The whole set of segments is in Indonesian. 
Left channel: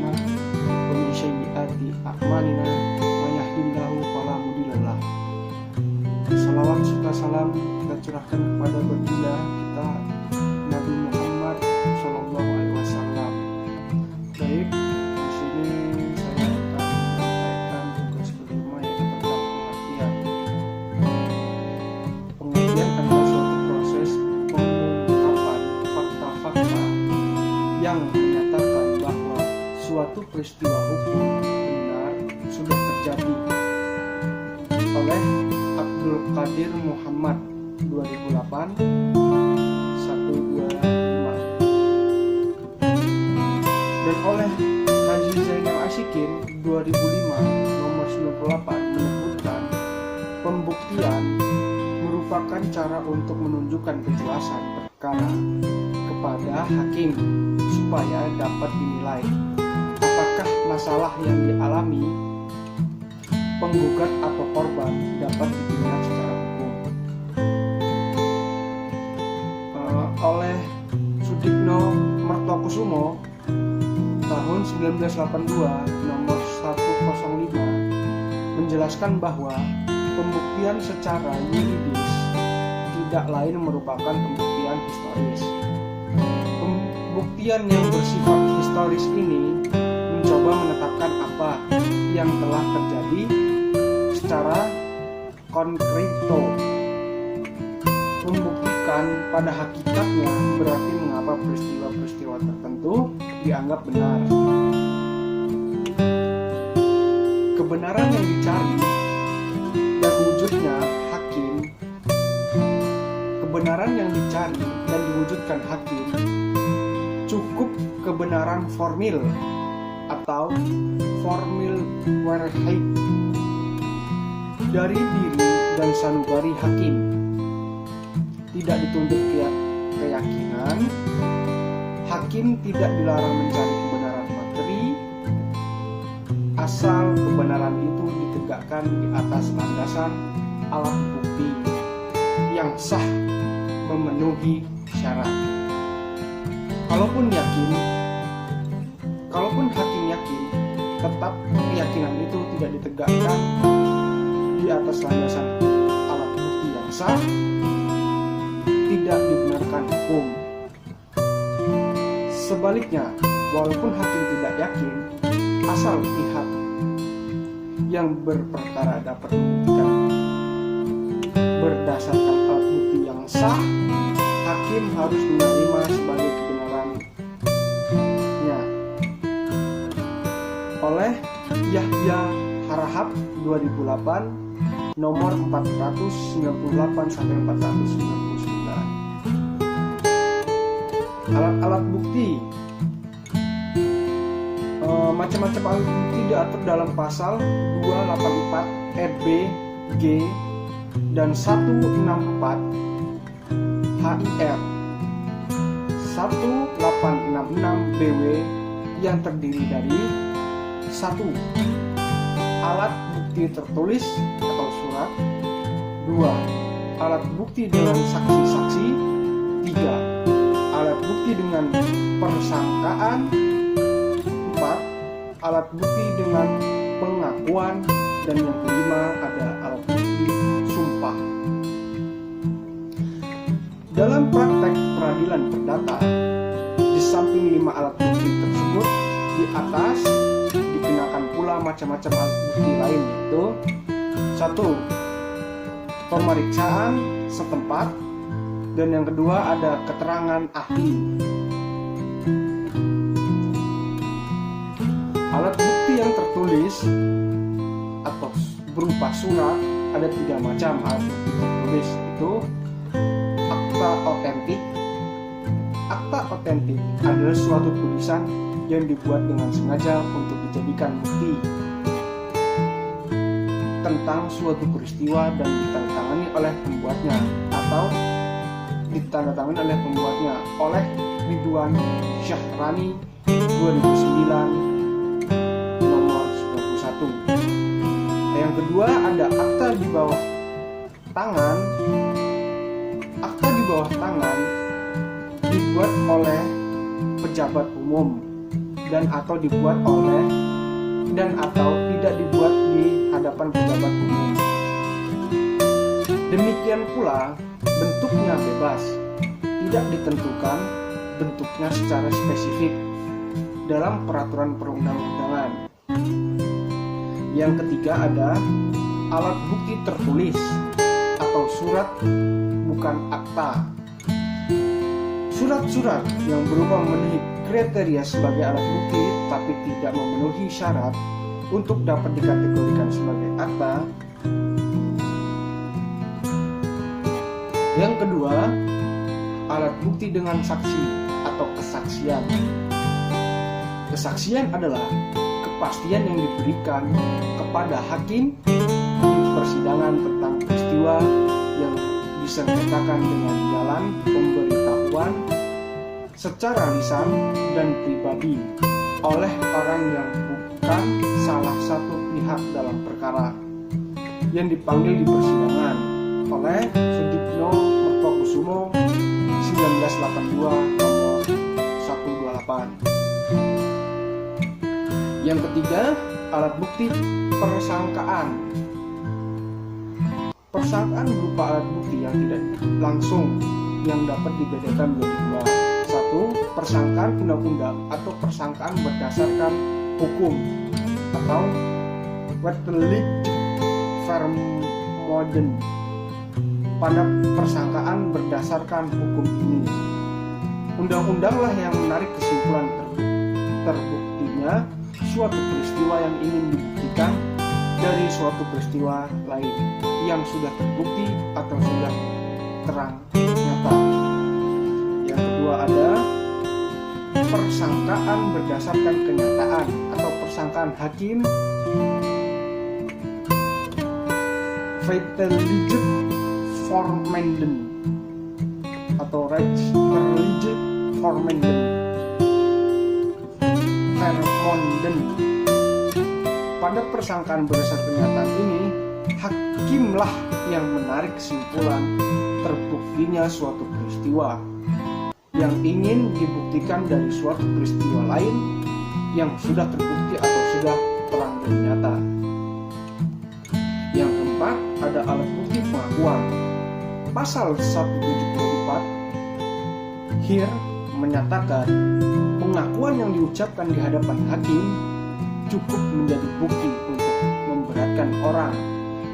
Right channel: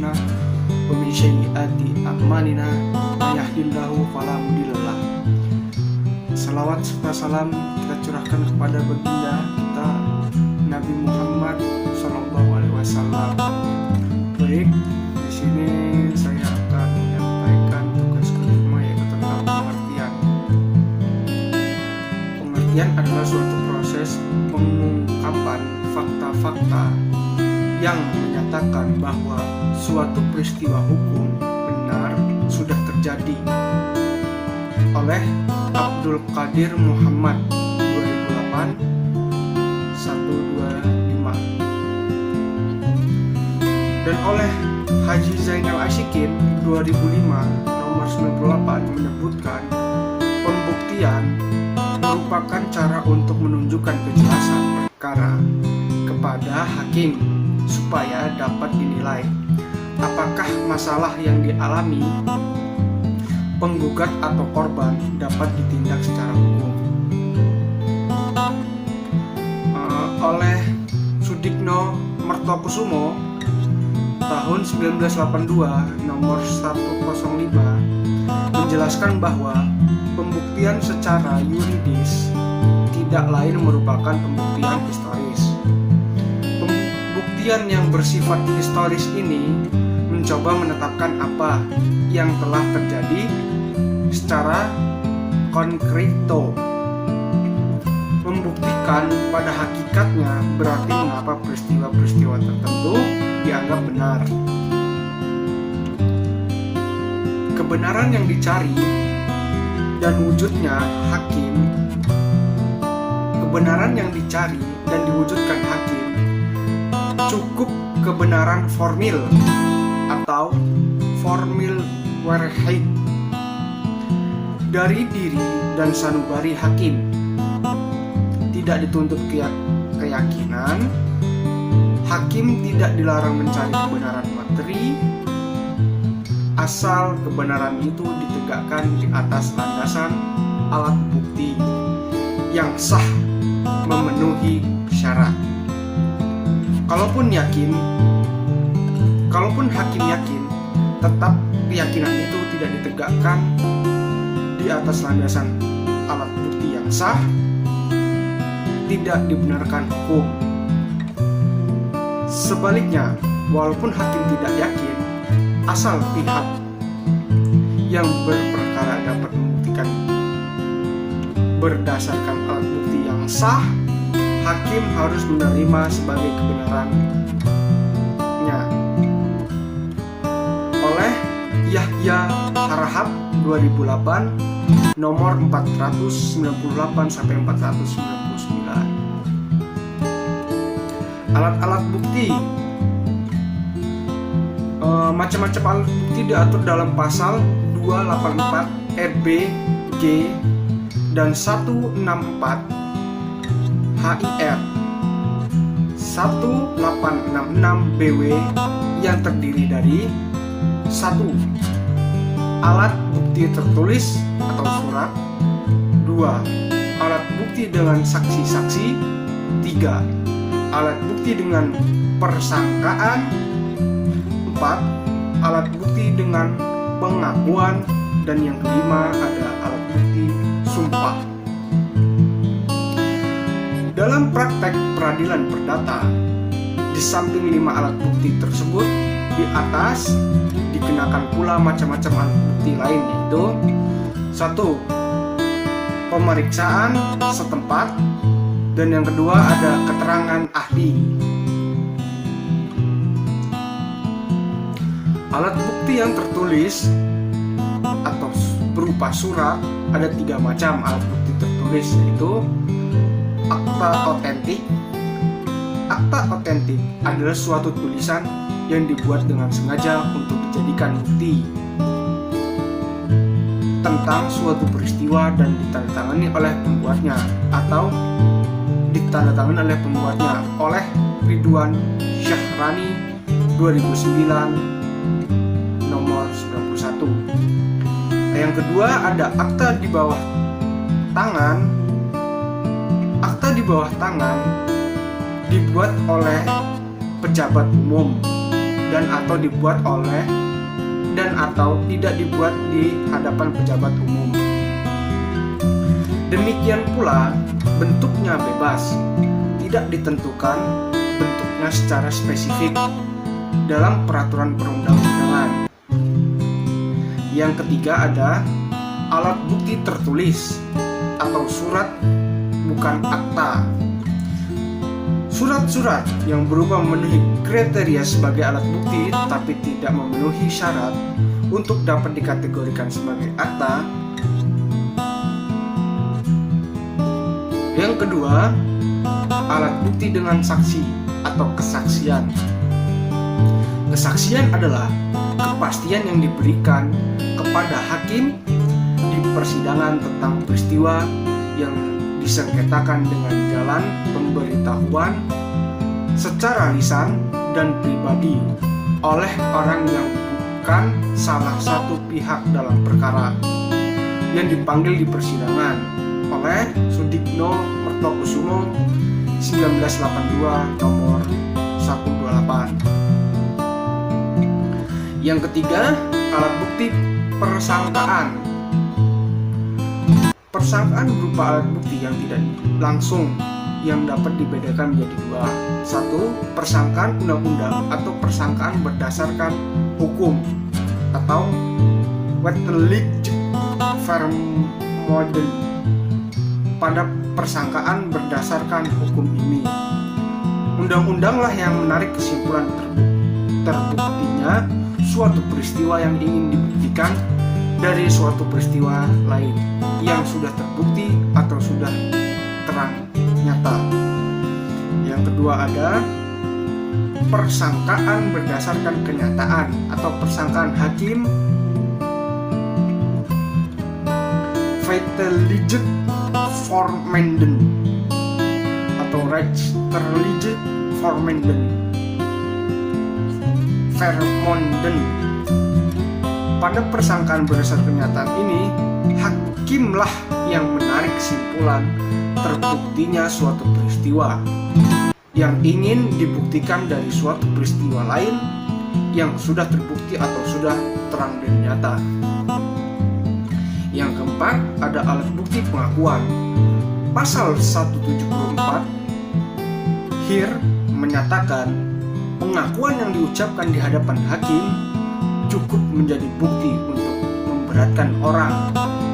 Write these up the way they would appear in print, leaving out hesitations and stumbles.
أنفسنا ومن سيئات أعمالنا من يهدihillahu fala mudhillalah. Salawat serta salam kita curahkan kepada baginda kita Nabi Muhammad SAW. Baik, di sini saya akan menyampaikan tugas kelima, yaitu tentang pengertian. Pengertian adalah suatu proses pengungkapan fakta-fakta yang menyatakan bahwa suatu peristiwa hukum benar sudah terjadi. Oleh Abdul Qadir Muhammad, 2008 125, dan oleh Haji Zainal Ashikin 2005 nomor 98 menyebutkan pembuktian merupakan cara untuk menunjukkan kejelasan perkara kepada hakim supaya dapat dinilai apakah masalah yang dialami penggugat atau korban dapat ditindak secara hukum. Oleh Sudikno Mertokusumo tahun 1982 nomor 105 menjelaskan bahwa pembuktian secara yuridis tidak lain merupakan pembuktian historis. Pembuktian yang bersifat historis ini mencoba menetapkan apa yang telah terjadi secara konkreto. Membuktikan pada hakikatnya berarti mengapa peristiwa-peristiwa tertentu dianggap benar. Kebenaran yang dicari dan wujudnya hakim, kebenaran yang dicari dan diwujudkan hakim cukup kebenaran formil atau formil warhid dari diri dan sanubari hakim. Tidak dituntut keyakinan, hakim tidak dilarang mencari kebenaran materi, asal kebenaran itu ditegakkan di atas landasan alat bukti yang sah memenuhi syarat. Kalaupun hakim yakin, tetap keyakinan itu tidak ditegakkan di atas landasan alat bukti yang sah, tidak dibenarkan hukum. Sebaliknya, walaupun hakim tidak yakin, asal pihak yang berperkara dapat membuktikan berdasarkan alat bukti yang sah, hakim harus menerima sebagai kebenarannya. Oleh Yahya Harahap 2008 nomor 498 sampai 499. Alat-alat bukti, macam-macam alat bukti diatur dalam pasal 284 RB G dan 164 HIR 1866 BW yang terdiri dari 1. Alat bukti tertulis atau surat. 2. Alat bukti dengan saksi-saksi. 3. Alat bukti dengan persangkaan. 4. Alat bukti dengan pengakuan. Dan yang kelima ada alat bukti sumpah. Dalam praktek peradilan perdata, di samping 5 alat bukti tersebut, di atas dikenakan pula macam-macam alat bukti lain, yaitu 1. Pemeriksaan setempat, dan yang kedua ada keterangan ahli. Alat bukti yang tertulis atau berupa surat ada 3 macam alat bukti tertulis, yaitu akta otentik. Akta otentik adalah suatu tulisan yang dibuat dengan sengaja untuk dijadikan bukti tentang suatu peristiwa dan ditandatangani oleh pembuatnya atau ditandatangani oleh pembuatnya oleh Ridwan Syahrani 2009 nomor 91. Yang kedua ada akta di bawah tangan. Akta di bawah tangan dibuat oleh pejabat umum dan atau dibuat oleh dan atau tidak dibuat di hadapan pejabat umum. Demikian pula bentuknya bebas, tidak ditentukan bentuknya secara spesifik dalam peraturan perundang-undangan. Yang ketiga ada alat bukti tertulis atau surat bukan akta. Surat-surat yang berupa memenuhi kriteria sebagai alat bukti tapi tidak memenuhi syarat untuk dapat dikategorikan sebagai akta. Yang kedua, alat bukti dengan saksi atau kesaksian. Kesaksian adalah kepastian yang diberikan kepada hakim di persidangan tentang peristiwa yang disengketakan dengan jalan pemberitahuan secara lisan dan pribadi oleh orang yang bukan salah satu pihak dalam perkara yang dipanggil di persidangan oleh Sudikno Mertokusumo 1982 nomor 128. Yang ketiga, alat bukti persangkaan. Persangkaan berupa alat bukti yang tidak langsung yang dapat dibedakan menjadi dua. Satu, persangkaan undang-undang atau persangkaan berdasarkan hukum atau wettelijk vermoeden. Pada persangkaan berdasarkan hukum ini, undang-undanglah yang menarik kesimpulan terbuktinya suatu peristiwa yang ingin dibuktikan dari suatu peristiwa lain yang sudah terbukti atau sudah terang nyata. Yang kedua ada persangkaan berdasarkan kenyataan atau persangkaan hakim feitelijke vermoeden atau rechtelijke vermoeden. Pada persangkaan berdasarkan kenyataan ini, hakimlah yang menarik kesimpulan terbuktinya suatu peristiwa yang ingin dibuktikan dari suatu peristiwa lain yang sudah terbukti atau sudah terang dan nyata. Yang keempat, ada alat bukti pengakuan. Pasal 174 HIR menyatakan pengakuan yang diucapkan di hadapan hakim cukup menjadi bukti untuk memberatkan orang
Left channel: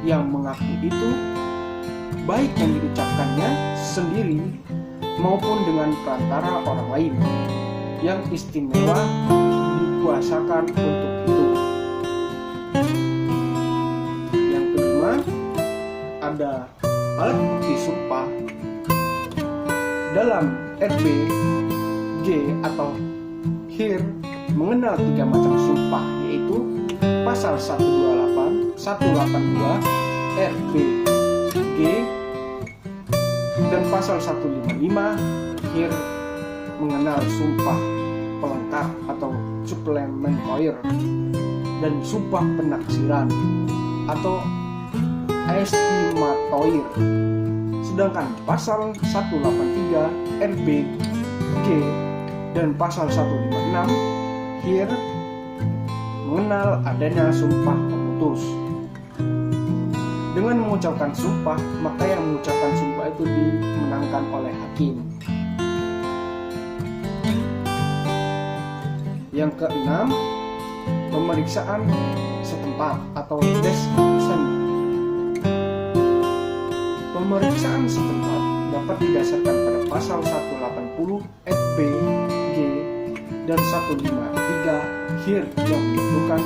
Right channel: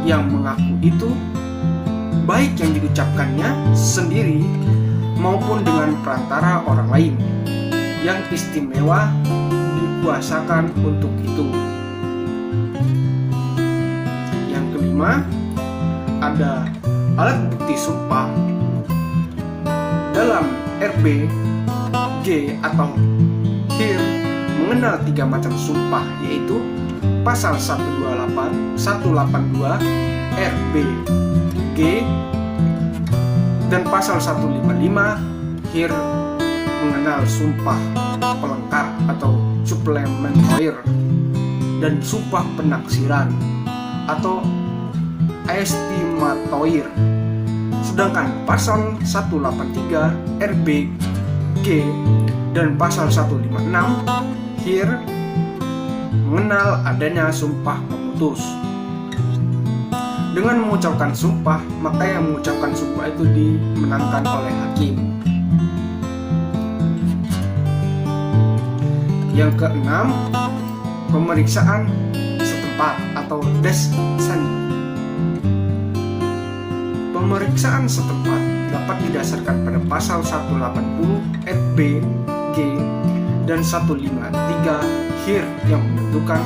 yang mengaku itu, baik yang diucapkannya sendiri maupun dengan perantara orang lain yang istimewa dikuasakan untuk itu. Yang kelima, ada alat bukti sumpah. Dalam RBG atau HIR mengenal 3 macam sumpah, yaitu pasal 182 RBG dan pasal 155 HIR mengenal sumpah pelengkap atau supplementoir dan sumpah penaksiran atau estimatoir. Sedangkan pasal 183 RBG dan pasal 156 HIR mengenal adanya sumpah pemutus. Dengan mengucapkan sumpah, maka yang mengucapkan sumpah itu dimenangkan oleh hakim. Yang keenam, pemeriksaan setempat atau descent. Pemeriksaan setempat dapat didasarkan pada pasal 180 RBG dan 153 HIR yang menentukan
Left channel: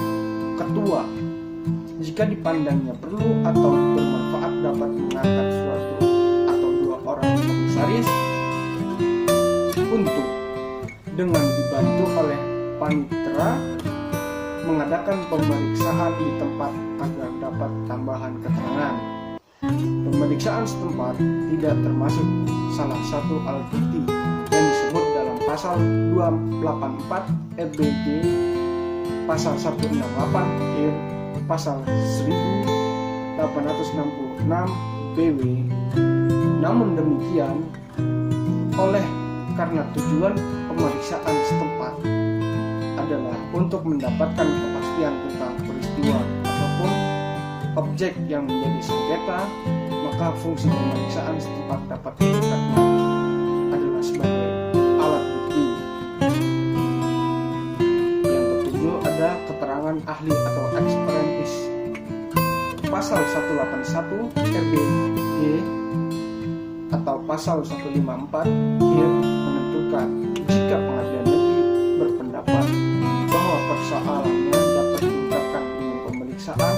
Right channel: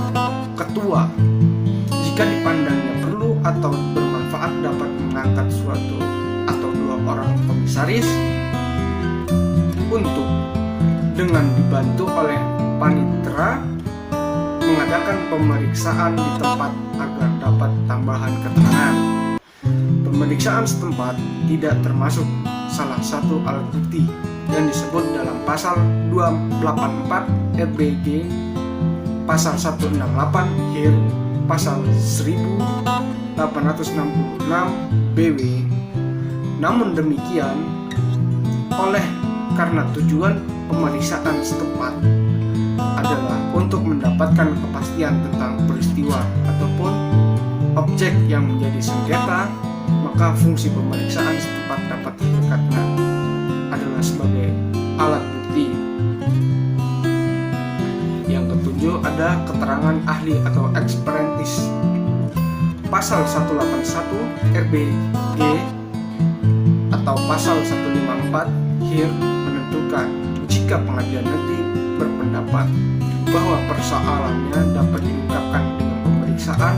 ketua jika dipandangnya perlu atau bermanfaat dapat mengangkat suatu atau 2 orang komisaris untuk dengan dibantu oleh panitera mengadakan pemeriksaan di tempat agar dapat tambahan keterangan. Pemeriksaan setempat tidak termasuk salah satu alat bukti yang disebut dalam pasal 284 RBG, pasal 168 HIR, pasal 1866 BW. Namun demikian, karena tujuan pemeriksaan setempat adalah untuk mendapatkan kepastian tentang peristiwa ataupun objek yang menjadi sengketa, maka fungsi pemeriksaan setempat dapat didekatnya adalah sebagai alat bukti. Yang ketujuh ada keterangan ahli atau eksperentis. Pasal 181 RBG atau pasal 154 HIR menentukan jika pengadilan negeri berpendapat bahwa persoalannya dapat diungkapkan dengan pemeriksaan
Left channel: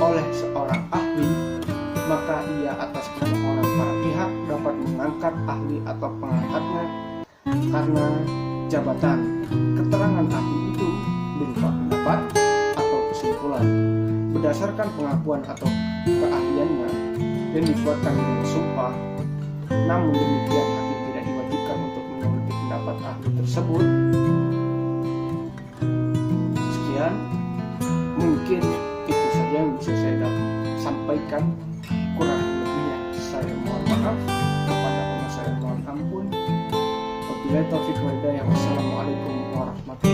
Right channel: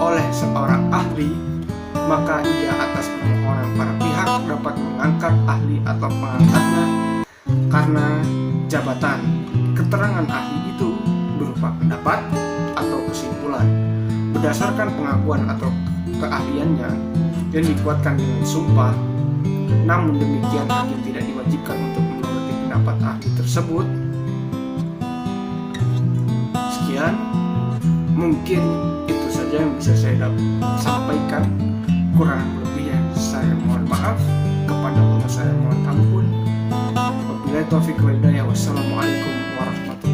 oleh seorang ahli, maka ia atas permohonan para pihak dapat mengangkat ahli atau pengangkatnya karena jabatan. Keterangan ahli itu berupa pendapat atau kesimpulan berdasarkan pengakuan atau keahliannya yang dikuatkan dengan sumpah. Namun demikian, hakim tidak diwajibkan untuk menuruti pendapat ahli tersebut. Sekian, mungkin itu saja yang bisa saya sampaikan. Kurang lebihnya saya mohon maaf, kepada Allah saya mohon ampun. Wabillahi taufiq wal hidayah. Wassalamualaikum warahmatullahi wabarakatuh.